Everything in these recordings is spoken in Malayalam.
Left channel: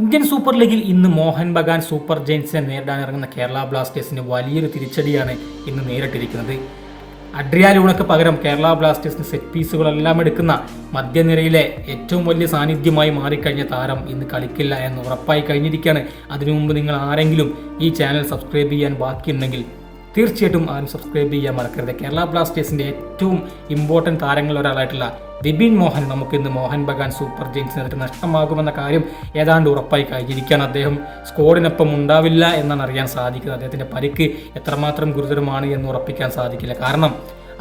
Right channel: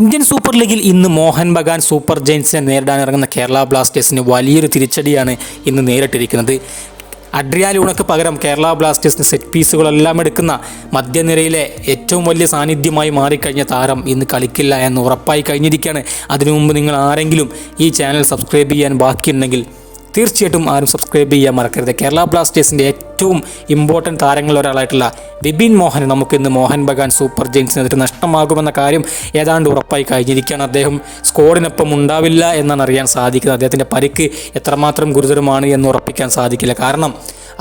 ഇന്ത്യൻ സൂപ്പർ ലീഗിൽ ഇന്ന് മോഹൻ ബഗാൻ സൂപ്പർ ജയൻസിനെ നേരിടാനിറങ്ങുന്ന കേരള ബ്ലാസ്റ്റേഴ്സിന് വലിയൊരു തിരിച്ചടിയാണ് ഇന്ന് നേരിട്ടിരിക്കുന്നത്. അഡ്രിയാൻ ലൂണയ്ക്ക് പകരം കേരള ബ്ലാസ്റ്റേഴ്സിന് സെറ്റ് പീസുകളെല്ലാം എടുക്കുന്ന മധ്യനിരയിലെ ഏറ്റവും വലിയ സാന്നിധ്യമായി മാറിക്കഴിഞ്ഞ താരം ഇന്ന് കളിക്കില്ല എന്ന് ഉറപ്പായി കഴിഞ്ഞിരിക്കുകയാണ്. അതിനു മുമ്പ് നിങ്ങൾ ആരെങ്കിലും ഈ ചാനൽ സബ്സ്ക്രൈബ് ചെയ്യാൻ ബാക്കിയുണ്ടെങ്കിൽ തീർച്ചയായിട്ടും ആരും സബ്സ്ക്രൈബ് ചെയ്യാൻ മറക്കരുത്. കേരള ബ്ലാസ്റ്റേഴ്സിൻ്റെ ഏറ്റവും ഇമ്പോർട്ടൻറ്റ് താരങ്ങളിൽ ഒരാളായിട്ടുള്ള വിപിൻ മോഹൻ നമുക്കിന്ന് മോഹൻ ബഗാൻ സൂപ്പർ ജയൻസിനെതിരെ നഷ്ടമാകുമെന്ന കാര്യം ഏതാണ്ട് ഉറപ്പായി കഴിഞ്ഞിരിക്കുകയാണ്. അദ്ദേഹം സ്ക്വാഡിനൊപ്പം ഉണ്ടാവില്ല എന്നാണ് അറിയാൻ സാധിക്കുന്നത്. അദ്ദേഹത്തിൻ്റെ പരിക്ക് എത്രമാത്രം ഗുരുതരമാണ് എന്ന് ഉറപ്പിക്കാൻ സാധിക്കില്ല. കാരണം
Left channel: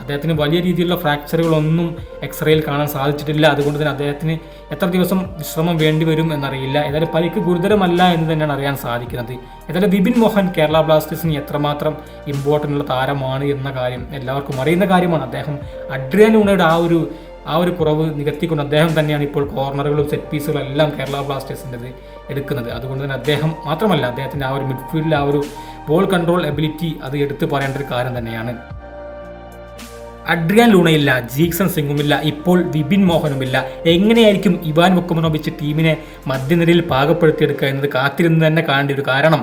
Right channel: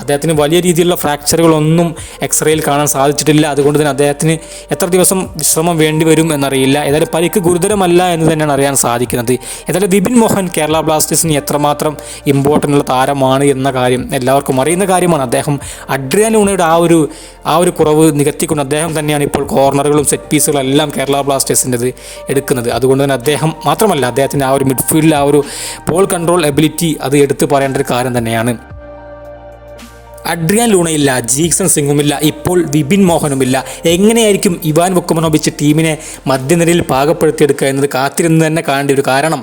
അദ്ദേഹത്തിന് വലിയ രീതിയിലുള്ള ഫ്രാക്ചറുകളൊന്നും എക്സ്റേയിൽ കാണാൻ സാധിച്ചിട്ടില്ല. അതുകൊണ്ട് തന്നെ അദ്ദേഹത്തിന് എത്ര ദിവസം വിശ്രമം വേണ്ടി വരും എന്നറിയില്ല. ഏതായാലും പരിക്ക് ഗുരുതരമല്ല എന്ന് തന്നെയാണ് അറിയാൻ സാധിക്കുന്നത്. ഏതായാലും വിപിൻ മോഹൻ കേരള ബ്ലാസ്റ്റേഴ്സിന് എത്രമാത്രം ഇമ്പോർട്ടൻ്റ് ഉള്ള താരമാണ് എന്ന കാര്യം എല്ലാവർക്കും അറിയുന്ന കാര്യമാണ്. അദ്ദേഹം അഡ്രിയാൻ ലൂണയുടെ ആ ഒരു കുറവ് നികത്തിക്കൊണ്ട് അദ്ദേഹം തന്നെയാണ് ഇപ്പോൾ കോർണറുകളും സെറ്റ് പീസുകളും എല്ലാം കേരള ബ്ലാസ്റ്റേഴ്സിൻ്റെത് എടുക്കുന്നത്. അതുകൊണ്ട് തന്നെ അദ്ദേഹം മാത്രമല്ല, അദ്ദേഹത്തിൻ്റെ ആ ഒരു മിഡ്ഫീൽഡിൽ ആ ഒരു ബോൾ കൺട്രോൾ എബിലിറ്റി അത് എടുത്തു പറയേണ്ട ഒരു കാര്യം തന്നെയാണ്. അഡ്രിയാൻ ലൂണയില്ല, ജീക്സൺ സിംഗുമില്ല, ഇപ്പോൾ വിപിൻ മോഹനുമില്ല. എങ്ങനെയായിരിക്കും ഇവാൻ വുക്കമനോവിച്ച് ടീമിനെ മധ്യനിരയിൽ പാകപ്പെടുത്തിയെടുക്കുക എന്നത് കാത്തിരുന്ന് തന്നെ കാണേണ്ടി വരും. കാരണം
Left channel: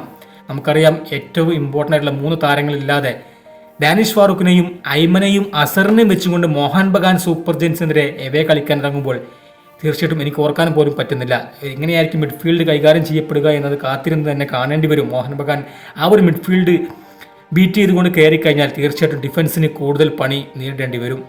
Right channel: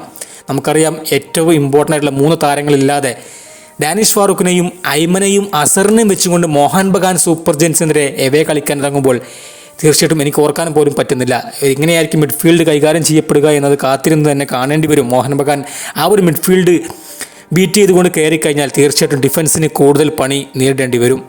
നമുക്കറിയാം, ഏറ്റവും ഇമ്പോർട്ടൻ്റ് ആയിട്ടുള്ള 3 താരങ്ങളില്ലാതെ ഡാനിഷ് ഫാറൂഖിനെയും ഐമനെയും അസറിനെയും വെച്ചുകൊണ്ട് മോഹൻ ബഗാൻ സൂപ്പർ ജയൻസിനെതിരെ എവേ കളിക്കാൻ ഇറങ്ങുമ്പോൾ തീർച്ചയായിട്ടും എനിക്ക് ഓർക്കാനും പോലും പറ്റുന്നില്ല. എങ്ങനെയായിരിക്കും മിഡ്ഫീൽഡ് കൈകാര്യം ചെയ്യപ്പെടുക എന്നത് കാത്തിരുന്ന് തന്നെ കാണേണ്ടി വരും. മോഹൻ ബഗാൻ ആ ഒരു മിഡ്ഫീൽഡ് ബീറ്റ് ചെയ്തുകൊണ്ട് കയറിക്കഴിഞ്ഞാൽ തീർച്ചയായിട്ടും ഡിഫൻസിന് കൂടുതൽ പണി നേരിടേണ്ടി വരും.